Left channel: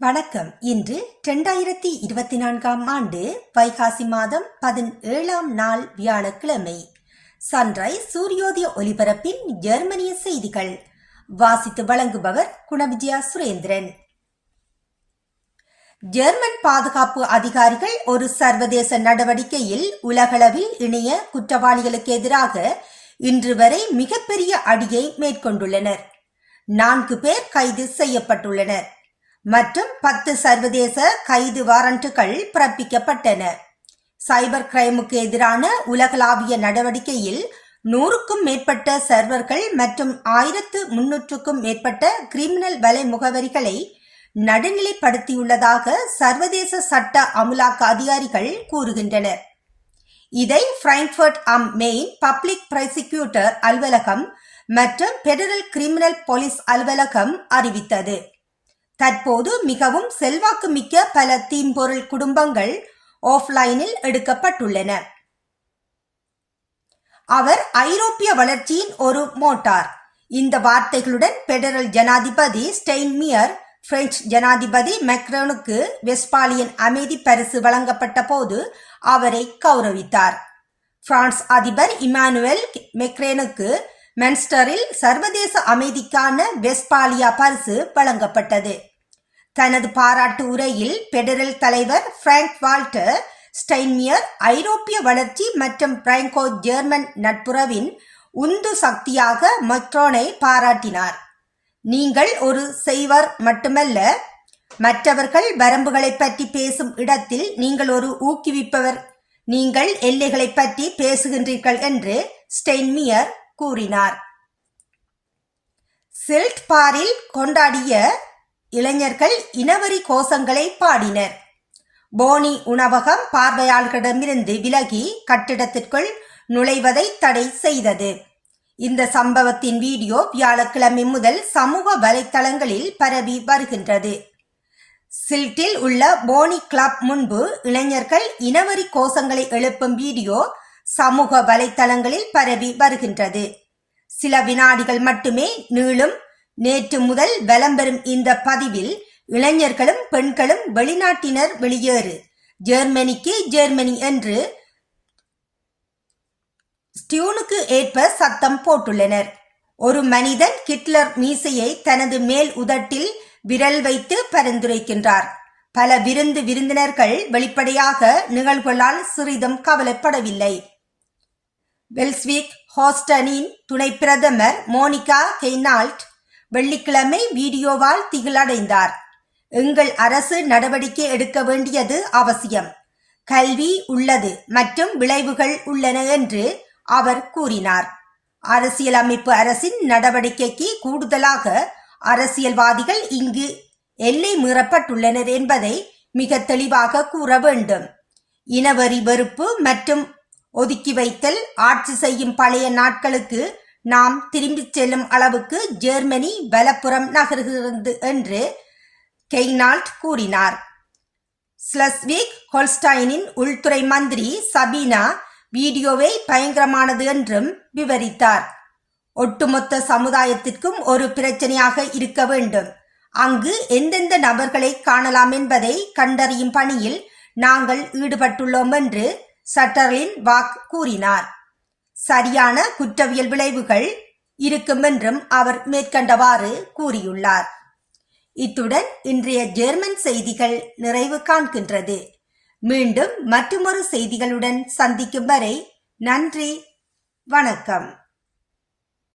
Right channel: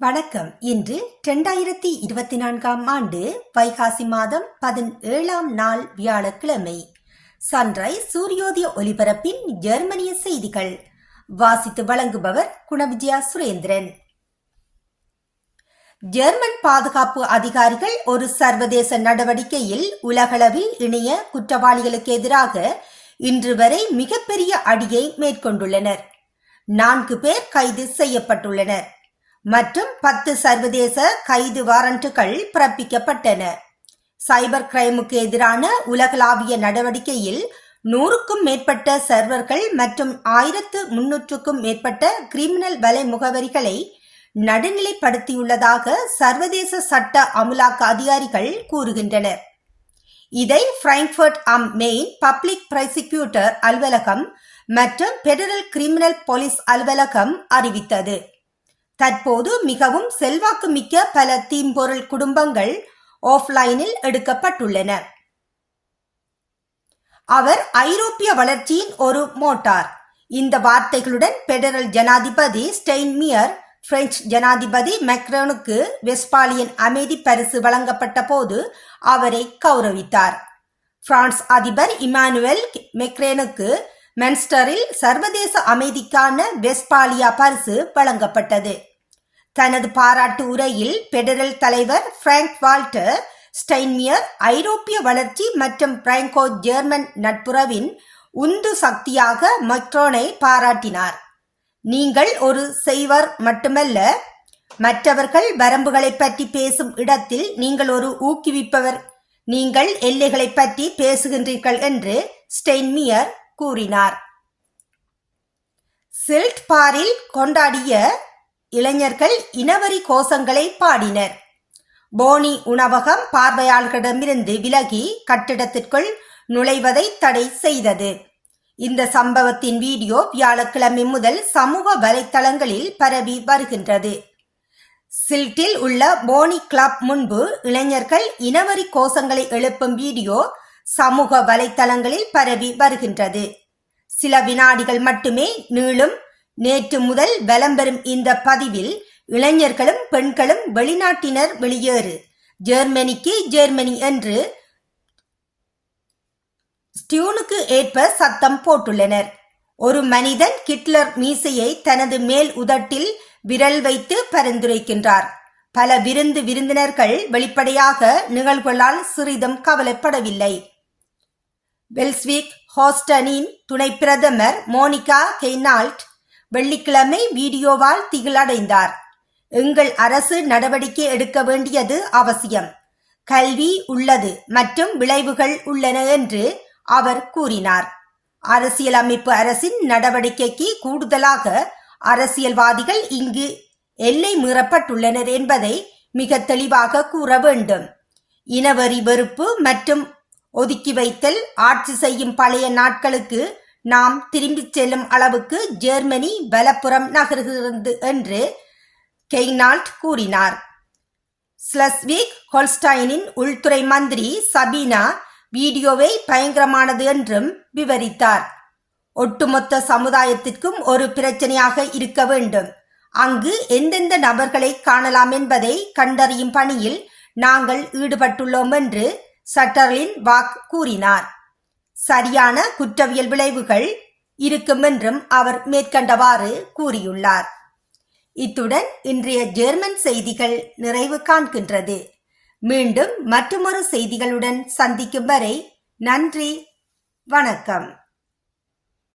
வணக்கம். இன்று 2024ஆம் ஆண்டு வைகாசி மாதம் 17ஆம் நாள் வியாழக்கிழமை. சன்ரைஸ் சூரியோதய ஒலிபரப்பின் ஜெர்மனிய செய்திகள் வாசித்து வழங்குபவர் குணவிஜயா சுரேந்திரன். ஜெர்மன் பாதுகாப்பு அதிகாரிகள் ஒரு சர்வதேச நடவடிக்கையில் உலகளவில் இணைய குற்றவாளிகளுக்கு எதிராக இன்று வரை மிகப்பெரிய அடியை மேற்கொண்டுள்ளனர். 4 பேர் கைது செய்யப்பட்டுள்ளனர் மற்றும் 10 சர்வதேச கைது வாரண்டுகள் பிறப்பிக்கப்பட்டன. சைபர் கிரைமுக்கு எதிரான உலகளாவிய நடவடிக்கையில் 100க்கும் மேற்பட்ட சர்வர்கள் மற்றும் 1300க்கும் மேற்பட்ட கிரிமினல் வலை முகவரிகளை நடுநிலைப்படுத்தியுள்ளதாக சர்வதேச சட்ட அமுலாக்க அதிகாரிகள் கூறுகின்றனர். இதை பிராங்க்ஃபர்ட் அம் மெயின் பப்ளிக் ப்ராசிக்யூட்டர் அலுவலகம் மற்றும் பெடரல் கிரிமினல் போலீஸ் அலுவலகம் அறிவித்தது. தற்போது மிகவும் செல்வாக்கு மிக்க பல தீம்பொருள் குடும்பங்கள் ஆஃப்லைனில் எடுக்கப்பட்டுள்ளன. அவர் ஐரோப்பிய வளர்ச்சியின் ஒரு மோட்டார். இந்த வார்த்தைகளுடன் பெடரல் ஜனாதிபதி ஸ்டெயின்மியர் பிரெஞ்சு ஜனாதிபதி மேக்ரோனுக்கு வெஸ்பாலியன் அமைதி பரிசு வழங்கப்பட்ட போது அவரை கௌரவித்தார். பிரான்ஸ் அதிபர் இமானுவேல் மேக்ரோனுக்கு மென்ஸ்டரில் சர்வதேச அமைதிக்கான வெஸ்பாலியா பரிசு வழங்கப்பட்டது. தனது பாராட்டு உரையில் பெடரல் தலைவர் பிராங்க் வால்டர் ஸ்டைன்மியர் ஐரோப்பிய வளர்ச்சி மற்றும் பிராங்கோ ஜெர்மன் நட்புறவின் உந்து சக்தியாக மக்ரோனை பாராட்டினார். நீங்கள் ஒரு செய்வர் மட்டுமல்ல, மற்றவர்கள் வரம்புகளை பற்றி பேசும் இடத்தில் நீங்கள் ஒரு ஊக்குவிப்பவர். நீங்கள் எல்லைகளை பற்றி பேசுகின்றீர்கள் என்று ஸ்டெயின்மியர் கூறினார். சில்ட் பாரில் கொண்டாடிய இளைஞர்கள் இனவரி கோஷங்களை பாடினர். போனி உணவகம் பார்வையாளர்களிடமிருந்து விலகி கட்டிடத்திற்குள் நுழைவதை தடை செய்தது. இந்த சம்பவத்தின் வீடியோ வியாழக்கிழமை முதல் சமூக வலைத்தளங்களில் பரவி வருகின்றது. சில்ட்டில் உள்ள போனி கிளப் முன்பு இளைஞர்கள் இனவரி கோஷங்களை எழுப்பும் வீடியோ சமூக வலைத்தளங்களில் பரவி வருகின்றது. சில வினாடிகள் மட்டுமே நீளும் நேற்று முதல் வலம் பெறும் இந்த பதிவில் இளைஞர்களும் பெண்களும் வெளிநாட்டினர் வெளியேறு, ஜெர்மனிக்கு ஜெர்மனி என்று ஸ்டியூனுக்கு ஏற்ப சத்தம் போட்டுள்ளனர். ஒரு மனிதன் ஹிட்லர் மீசையை தனது மேல் உதட்டில் விரல் வைத்து பரிந்துரைக்கின்றார். பல விருந்தினர்கள் வெளிப்படையாக நிகழ்வுகளால் சிறிதும் கவலைப்படவில்லை. வெல்ஸ்விக் ஹோஸ்டனின் துணை பிரதமர் மோனிகா கெய்னால்ட் வெள்ளிக்கிழமை வீடியோவால் திகிலடைந்தார். எங்கள் அரசு நடவடிக்கை எடுக்க வேண்டியது அவசியம். கல்வி உள்ளது மற்றும் விளைவுகள் உள்ளன என்று அவர் கூறினார். அரசியலமைப்பு அரசின் நடவடிக்கைக்கு கூடுதலாக அரசியல்வாதிகள் இங்கு எல்லை மீறப்பட்டுள்ளனர் என்பதை மிக தெளிவாக கூற வேண்டும். இனவரி வெறுப்பு மற்றும் ஒதுக்கி வைத்தல் ஆட்சி செய்யும் பழைய நாட்களுக்கு நாம் திரும்பிச் செல்லும் அளவுக்கு ஜெர்மனி வலப்புறம் நகர்கிறது என்று கெய்னால்ட் கூறினார். ஸ்லஸ்விக் ஹோல்ஸ்டைனின் உள்துறை மந்திரி சபீனா வீடியோவை பயங்கரமானது என்றும் விவரித்தார். ஒட்டுமொத்த சமுதாயத்திற்கும் ஒரு பிரச்சனையாக இருக்க வேண்டும். அங்கு எந்தெந்த நபர்களை காணலாம் என்பதை கண்டறியும் பணியில் நாங்கள் ஈடுபட்டுள்ளோம் என்று சட்டர்லின் வாக் கூறினார். சரியான குற்றவியல் விளைவுகள் இருக்கும் என்றும் அவர் மேற்கண்டவாறு கூறியுள்ளார். இத்துடன் இன்றைய ஜெர்மன் செய்திகள் நிறைவு காண்கின்றது. மீண்டும் மற்றுமொரு செய்திகளுடன் சந்திக்கும் வரை நன்றி, வணக்கம்.